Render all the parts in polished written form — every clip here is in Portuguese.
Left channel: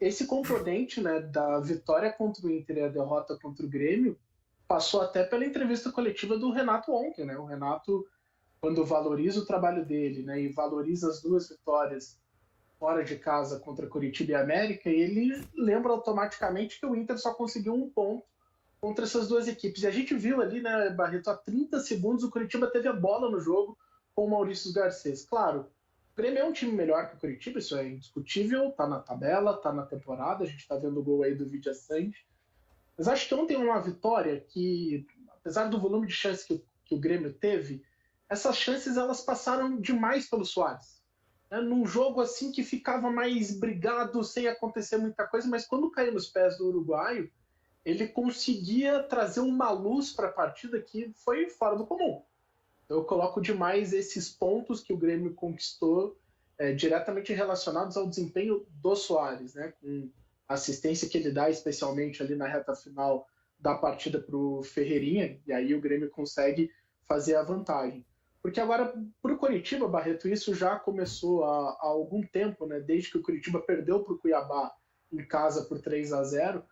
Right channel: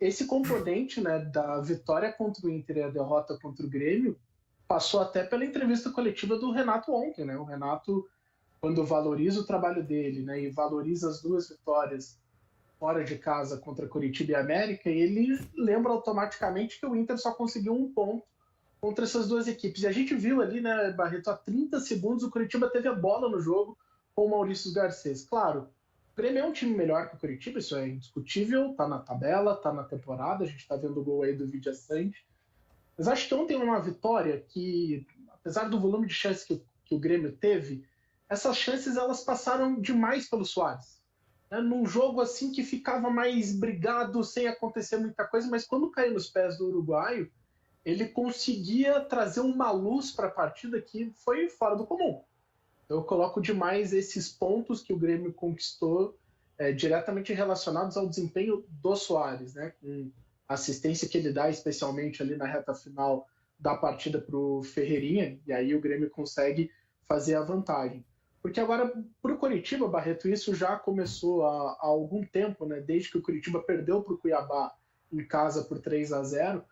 esse componente, né, da vitória contra o Inter e a derrota contra o Grêmio passou até pela entrevista coletiva do Renato ontem, né? O Renato, quando valoriza o trabalho dele, né, e valoriza as duas vitórias fora de casa contra Coritiba e América, ele lembra automaticamente que o Inter só conseguiu um ponto contra essas duas equipes. E a gente viu ali, né, Barreto, há 30 segundos o Coritiba teve a bola no jogo com o Maurício Garcês. Claro, o Grêmio é um time melhor que o Coritiba, isso é indiscutível, tá na tabela, tá na temporada, a gente tá vendo o gol aí do Vidia Sante. Mas acho que ontem uma vitória que, apesar do volume de chances que o Grêmio teve, essas chances elas passaram demais pelo Soares. Num jogo assim que ficava mais brigado, sem acontecer muita coisa, mas quando caiu nos pés do uruguaio, ele conseguia trazer uma luz para a partida que foi fora do comum. Então, eu coloco demais esses pontos que o Grêmio conquistou diretamente relacionados ao desempenho do Soares, né? Com a assistência que ele dá, especialmente ali na reta final da partida para o Ferreirinha, e aí o Grêmio consegue fazer a vantagem. Porque agora, para o Coritiba, Barreto, isso já começou há algum tempo, né? Desde que o Coritiba perdeu para o Cuiabá em casa por 3-0,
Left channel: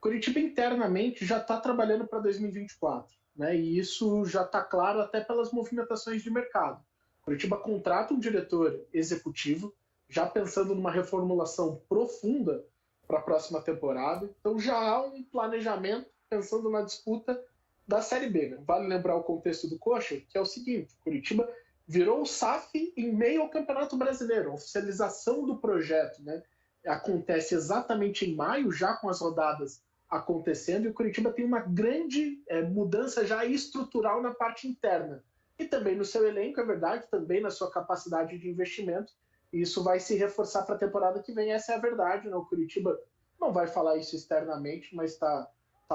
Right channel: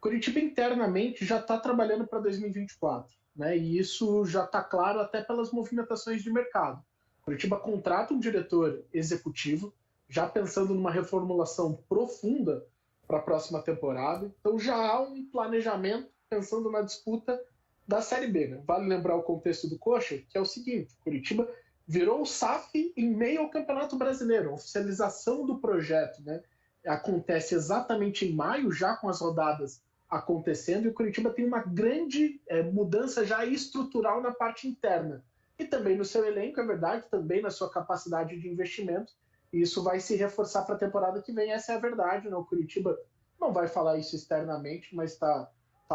Curitiba internamente já está trabalhando para 2024, né? E isso já está claro até pelas movimentações de mercado. Curitiba contrata um diretor executivo, já pensando numa reformulação profunda para a próxima temporada. Então já há um planejamento pensando na disputa da Série B. Né? Vale lembrar o contexto do Coxa, que é o seguinte: Curitiba virou o SAF em meio ao Campeonato Brasileiro. A oficialização do projeto, né, acontece exatamente em maio, já com as rodadas acontecendo, e o Curitiba tem uma grande mudança já estrutural na parte interna. E também no seu elenco, é verdade, também na sua capacidade de investimento. E isso vai se reforçar para a temporada que vem, essa é a verdade. Né? O Curitiba não vai falar isso externamente, mas está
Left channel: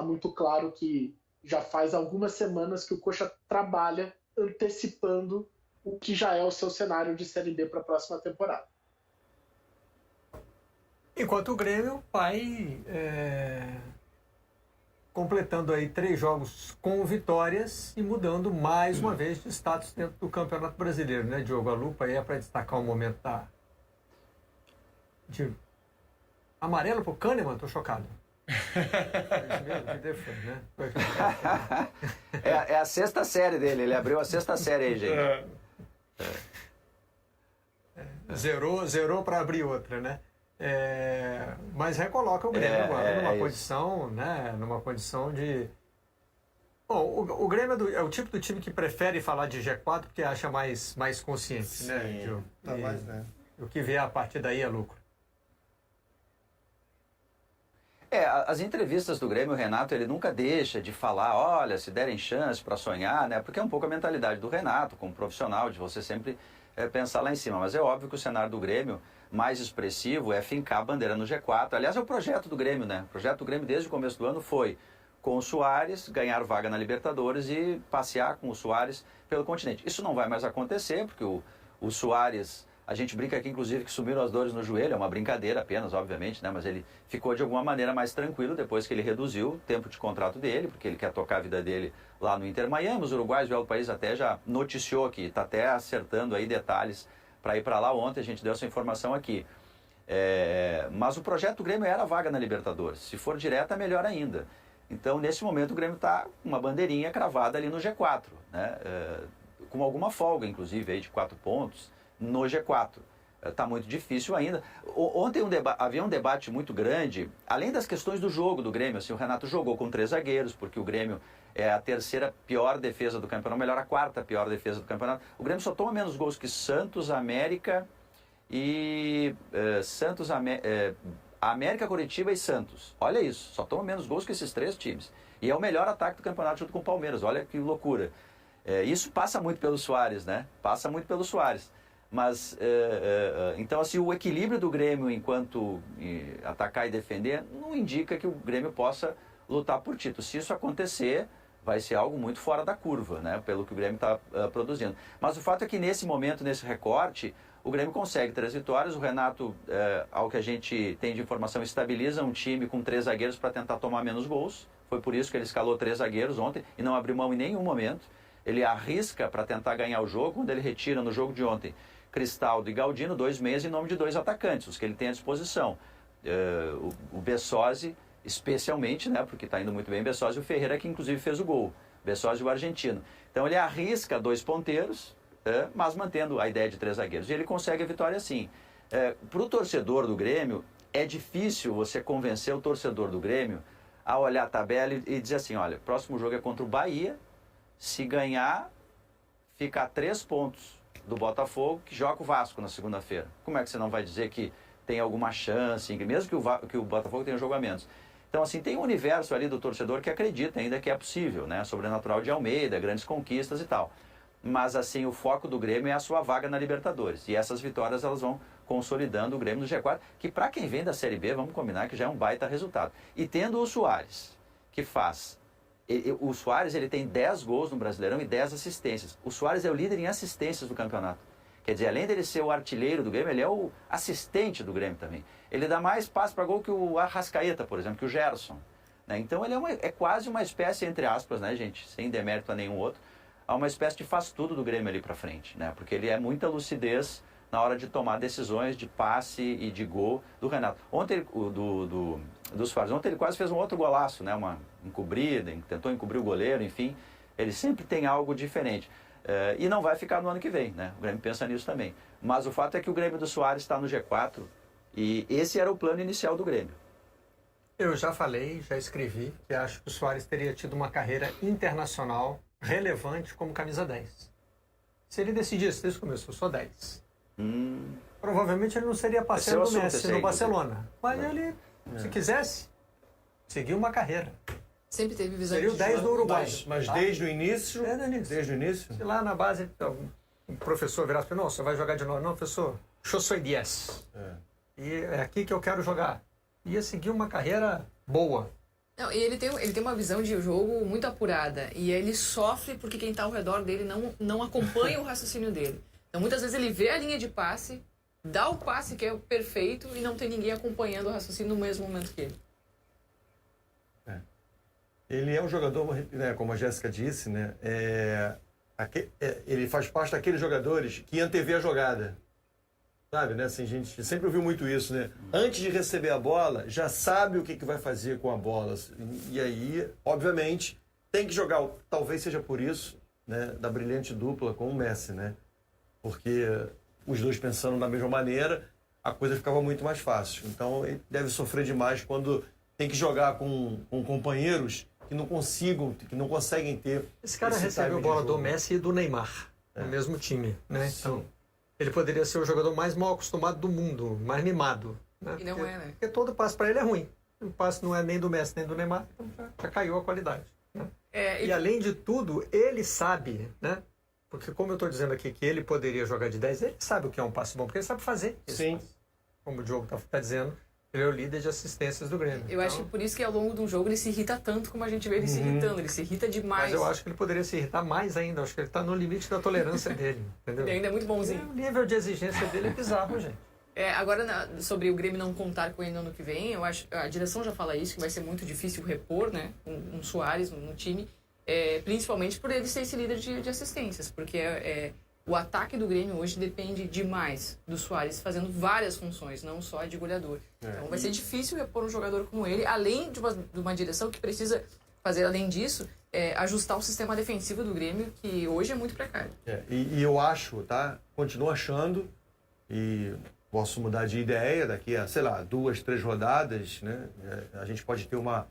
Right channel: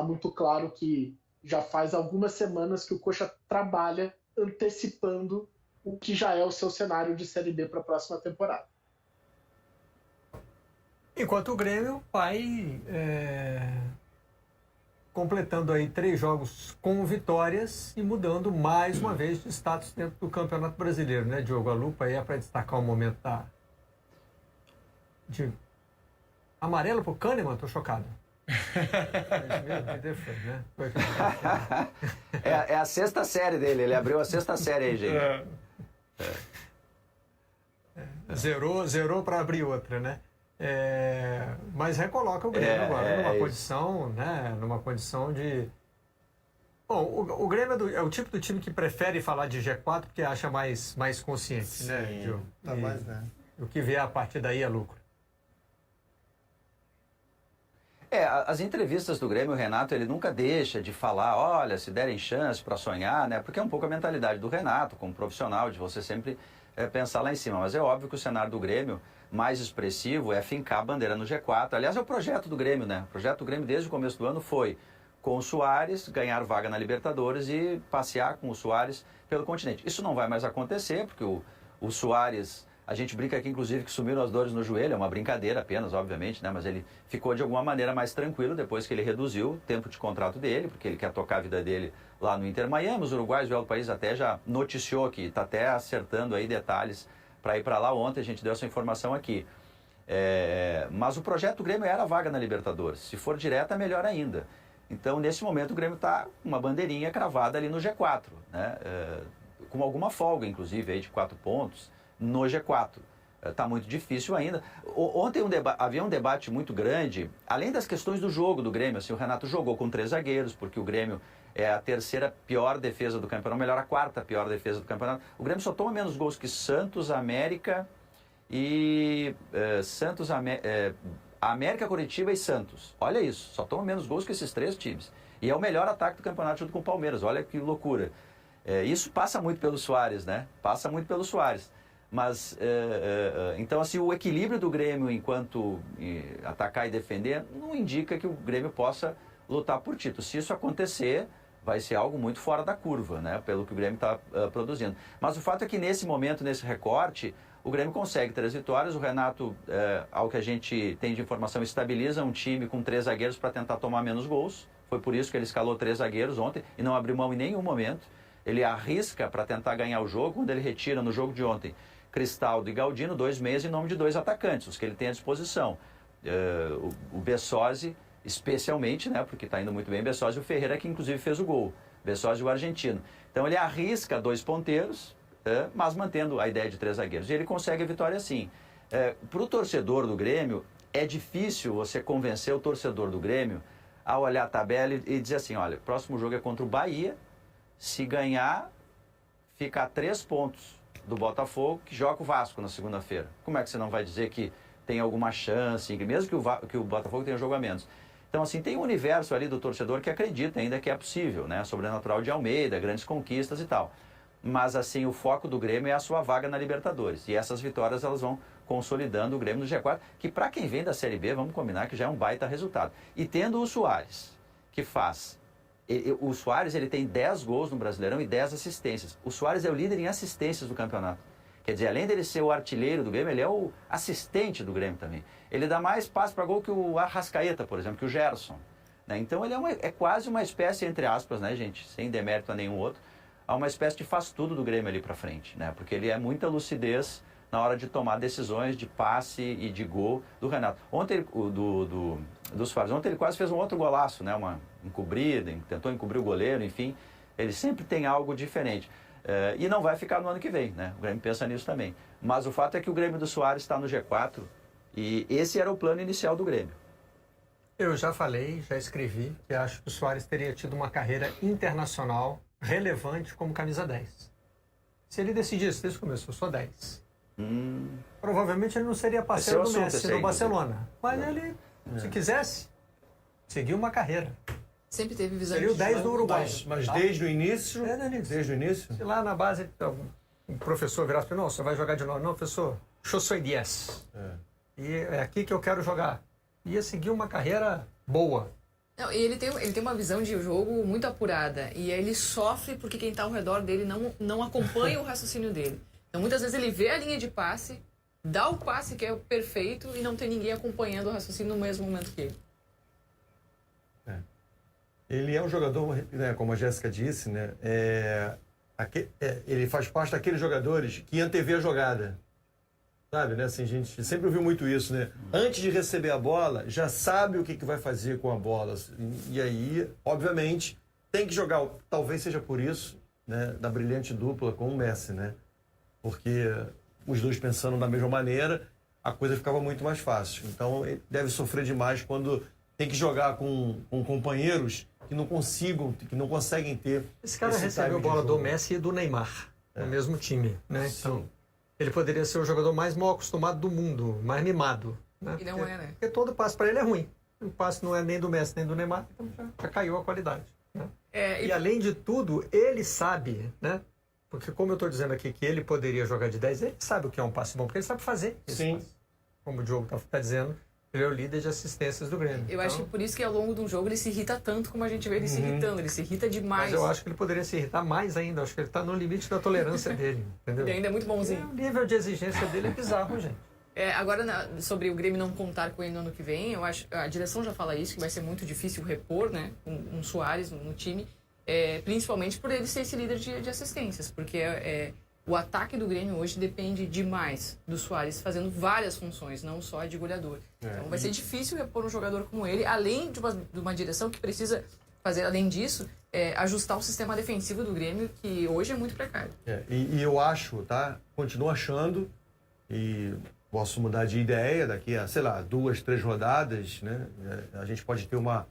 muito claro que já faz algumas semanas que o Coxa trabalha antecipando o que já é o seu cenário de Série B para a próxima temporada. Enquanto o Grêmio vai completando aí 3 jogos com vitórias e mudando mais uma vez de status dentro do Campeonato Brasileiro, né, Diogo? A lupa aí é para destacar o momento de amarelo pro Kahneman, tô chocado. É a sexta série dele, ele abriu a sexta série aí, gente. Zerou para abrir outra, né? Mas recoloca o Grêmio agora numa condição, né? Numa condição de... Bom, o Grêmio é o tipo do time que prefere falar de G4 porque acha mais consciente. Sim, né, Gil? Tá mais, né? O que vier a partir daí é lucro. As entrevistas do Grêmio, o Renato, ele nunca deixa de falar, olha, se derem chance para sonhar, né? Porque é um pouco a mentalidade do Renato, como profissional, de você sempre pensar lá em cima. Mas é óbvio que o cenário do Grêmio mais expressivo é fincar a bandeira no G4. Aliás, é o projeto do Grêmio, né? O projeto do Grêmio desde o começo do ano foi, com o Soares, ganhar vaga na Libertadores e passear com o Soares pelo continente. Isso não vai mais acontecer, porque o Soares... A gente brinca aqui, inclusive, que sumiram as dores no joelho, é uma brincadeira apenas, obviamente, né? Mas ele ficou de alguma maneira mais tranquilo depois que ele reduziu o tempo de contrato dele, porque ele quer tocar a vida dele lá no Inter Miami. Os uruguaios, o El País até já noticiou que está até acertando aí detalhes para ir para lá. Ontem a gente deu essa informação aqui. Mas o projeto do Grêmio era a vaga na Libertadores. Se for direta, melhor ainda. Então, nesse momento, o Grêmio está com uma bandeirinha cravada ali no G4, né? Com alguma folga, inclusive, aí de 4 pontos. No G4. Está muito difícil ainda. Ontem havia um debate muito grande, além das questões do jogo do Grêmio. Assim, o Renato jogou com 3 zagueiros, porque o Grêmio é a terceira pior defesa do campeonato, melhor, a quarta pior defesa do campeonato. O Grêmio só toma menos gols que Santos, América e... América, Coritiba e Santos. Olha isso, só toma menos gols que esses 3 times. E é o melhor ataque do campeonato junto com o Palmeiras. Olha que loucura. Isso passa muito pelo Soares, né? Passa muito pelo Soares. Mas, então, assim, o equilíbrio do Grêmio enquanto atacar e defender não indica que o Grêmio possa lutar por título. Se isso acontecer, vai ser algo muito fora da curva, né? Pelo que o Grêmio está produzindo. Mas o fato é que nesse momento, nesse recorte, o Grêmio consegue 3 vitórias. O Renato, ao que a gente tem de informação, estabiliza um time com 3 zagueiros para tentar tomar menos gols. Foi por isso que ele escalou 3 zagueiros ontem e não abriu mão em nenhum momento. Ele arrisca para tentar ganhar o jogo, quando ele retira no jogo de ontem Cristaldo e Galdino, 2 meias em nome de 2 atacantes, os que ele tem à disposição. o Bessosi, especialmente, né, porque está indo muito bem, Bessosi e o Ferreira, que inclusive fez o gol. Bessosi e o argentino. Então ele arrisca 2 ponteiros, mas mantendo a ideia de 3 zagueiros. E ele consegue a vitória sim. Para o torcedor do Grêmio, é difícil você convencer o torcedor do Grêmio a olhar a tabela e dizer assim, olha, o próximo jogo é contra o Bahia, se ganhar, fica a 3 pontos do Botafogo, que joga o Vasco na segunda-feira. Como é que você não vai dizer que tem alguma chance, mesmo que o Botafogo tenha um jogo a menos? Então, assim, tem um universo ali do torcedor que acredita ainda que é possível, né? Sobrenatural de Almeida, grandes conquistas e tal. Mas, assim, o foco do Grêmio é a sua vaga na Libertadores. E essas vitórias, elas vão consolidando o Grêmio no G4, que para quem vem da Série B, vamos combinar que já é um baita resultado. E tendo o Soares, que faz... O Soares, ele tem 10 gols no Brasileirão e 10 assistências. O Soares é o líder em assistências do campeonato. Quer dizer, além dele ser o artilheiro do Grêmio, ele é o assistente do Grêmio também. Ele dá mais passe para gol que o Arrascaeta, por exemplo, que o Gerson. Né? Então ele é quase uma espécie, entre aspas, né, gente, sem demérito a nenhum outro, há uma espécie de faz-tudo do Grêmio ali para frente. Né? Porque ele é muita lucidez na hora de tomar decisões de passe e de gol do Renato. Ontem, do Soares, ontem ele quase fez um outro golaço, né? Uma encobrida, tentou encobrir o goleiro, enfim. Ele sempre tem algo diferente. E não vai ficar no ano que vem, né? O Grêmio pensa nisso também. Mas o fato é que o Grêmio do Soares está no G4 e esse era o plano inicial do Grêmio. Eu já falei, já escrevi, que acho que o Soares teria tido uma carreira internacional relevante como camisa 10. Se ele decidisse desde o começo, eu sou 10. Provavelmente ele não seria parceiro do Messi no Barcelona. Mas ele, se quisesse, seguiu uma carreira. Sempre teve visão seria o 10 do Uruguai. Mas desde o início? Desde o início. Se lá na base o professor virasse para ele, não, você vai jogar de novo. Não, professor, eu sou 10. E é aqui que eu quero jogar. Ia seguir uma carreira boa. Não, e ele tem uma visão de jogo muito apurada. E aí ele sofre porque quem está ao redor dele não acompanha o raciocínio dele. Então muitas vezes ele vê a linha de passe, dá o passe que é o perfeito e não tem ninguém acompanhando o raciocínio no mesmo momento que ele. Ele é um jogador, né, como a Jéssica disse, né, ele faz parte daqueles jogadores que antevê a jogada. Sabe, né? Assim, a gente sempre ouviu muito isso, né? Antes de receber a bola, já sabe o que vai fazer com a bola. E aí, obviamente, tem que jogar, talvez seja por isso, né, da brilhante dupla com o Messi, né? Porque os dois pensando da mesma maneira, a coisa ficava muito mais fácil. Então, ele deve sofrer demais quando tem que jogar com companheiros que não conseguem ter... Esse cara recebeu a bola do Messi e do Neymar, no mesmo time, né? Então, ele poderia ser o jogador mais mal acostumado do mundo, mais mimado. Né? E não é, né? Porque todo passe para ele é ruim. O passe não é nem do Messi, nem do Neymar, então já caiu a qualidade. Né? E além de tudo, ele sabe, né? Porque como eu estou dizendo aqui que ele poderia jogar de 10, ele sabe o que é um passe bom, porque ele sabe fazer esse passe. Como o Diogo está dizendo, ele é o líder de assistências do Grêmio. Eu acho que por isso que ao longo de um jogo ele se irrita tanto como a gente vê ele se irritando. Ele se irrita demais. Mas eu acho que ele poderia se irritar mais ainda. Eu acho que ele está no limite da tolerância dele. Entendeu? Ele ainda é muito bonzinho. O nível de exigência dele é bizarro, gente. Agora, sobre o Grêmio não contar com ele no ano que vem, eu acho a direção já fala isso, que vai ser muito difícil repor, né, um Soares no time, principalmente por ele ser esse líder de assistências, porque o ataque do Grêmio hoje depende demais do Soares fazendo várias funções, não só a de goleador. Então vai ser difícil repor um jogador como ele, além de uma direção que precisa fazer, além disso, ajustar o sistema defensivo do Grêmio, que hoje é muito precário. E eu acho, tá? Continuo achando, e posso mudar de ideia daqui a, sei lá, 2, 3 rodadas, né? A gente pode ter uma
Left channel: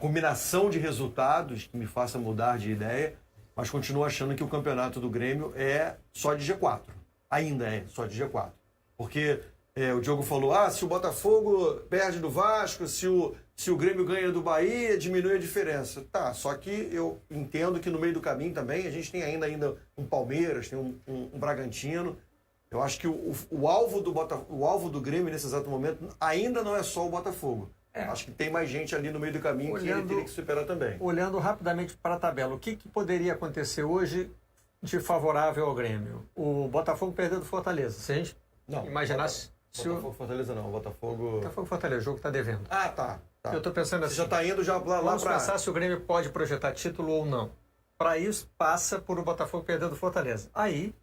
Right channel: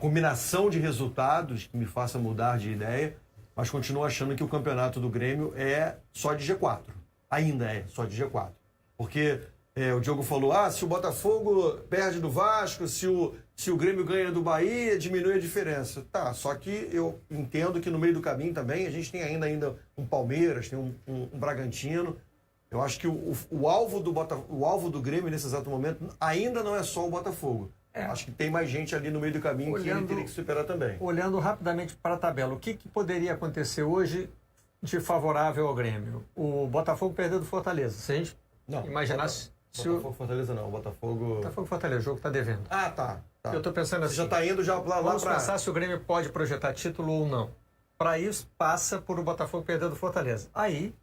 combinação de resultados que me faça mudar de ideia, mas continuo achando que o campeonato do Grêmio é só de G4. Ainda é só de G4. Porque o Diogo falou, se o Botafogo perde do Vasco, se o Grêmio ganha do Bahia, diminui a diferença. Tá, só que eu entendo que no meio do caminho também a gente tem ainda um Palmeiras, tem um Bragantino. Eu acho que o alvo do Grêmio nesse exato momento ainda não é só o Botafogo. Acho que tem mais gente ali no meio do caminho que ele teria que superar também. Olhando rapidamente para a tabela, o que poderia acontecer hoje de favorável ao Grêmio? O Botafogo perdeu do Fortaleza. Se a gente imaginasse... Fortaleza não, Fortaleza, o jogo está devendo. Tá. Eu estou pensando assim... Você já está indo lá para... Vamos pensar se o Grêmio pode projetar título ou não. Para isso, passa por o Botafogo perder do Fortaleza. Aí,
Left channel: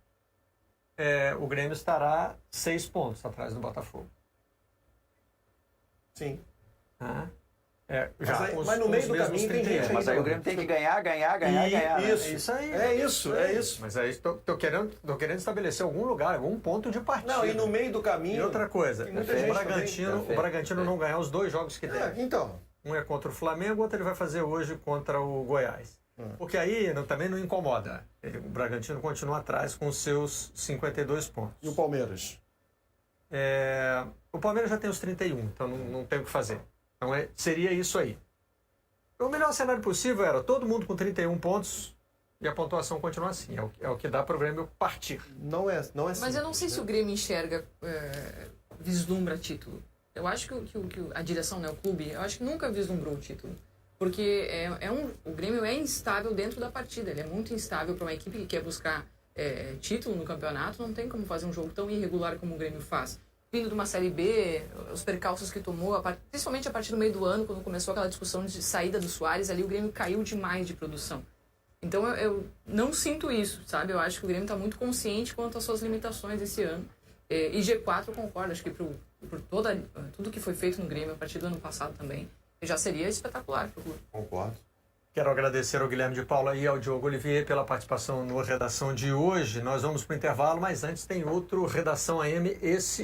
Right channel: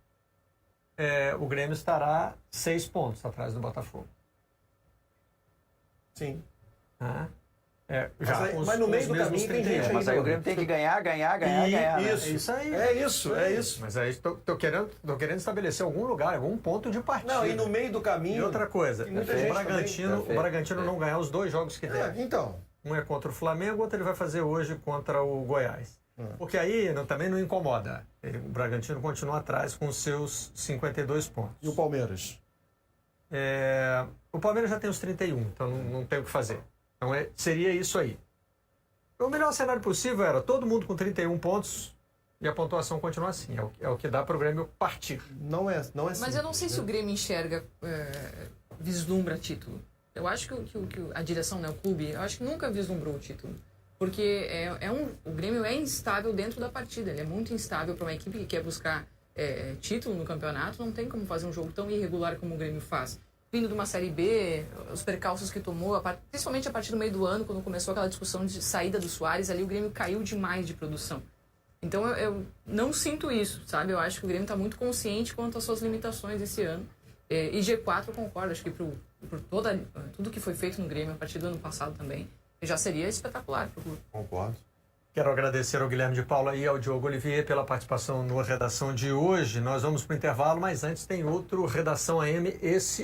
o Grêmio estará 6 pontos atrás do Botafogo. Sim. Mas no meio do caminho tem gente. Mas aí o Grêmio tem que ganhar. Isso. Isso aí. É isso. Mas aí tô querendo estabelecer algum lugar, algum ponto de partida. Não, e no meio do caminho... E outra coisa, o Bragantino não ganhar os 2 jogos que deve. Então. Um é contra o Flamengo, outro ele vai fazer hoje contra o Goiás. Porque aí também não incomoda. O Bragantino continua atrás com seus 52 pontos. E o Palmeiras? O Palmeiras já tem os 31, então não tem o que fazer. Então seria isso aí. O melhor cenário possível era todo mundo com 31 pontos e a pontuação continua assim. É o que dá para o Grêmio partir. Não é simples, mas eu não sei se o Grêmio enxerga, vislumbra título. Eu acho que a direção, né, o clube, eu acho que nunca vislumbrou o título. Porque o Grêmio é instável dentro da partida. Ele é muito instável para uma equipe que quer buscar título no campeonato. Não tem como fazer um jogo tão irregular como o Grêmio faz. Vindo de uma Série B, os percalços que tomou, principalmente a partir do meio do ano, quando começou aquela discussão de saída do Soares, ali o Grêmio caiu demais de produção. Então eu não sinto isso, sabe? Eu acho que o Grêmio está muito consciente quanto às suas limitações esse ano. E G4 eu concordo, acho que por tudo que foi feito no Grêmio a partir do ano passado também, já seria espetacular para o clube. Concordo. Quero agradecer ao Guilherme de Paula e ao Diogo Olivier pela participação na redação de hoje. Nós vamos para o intervalo, mas antes tem outro Redação AM, esse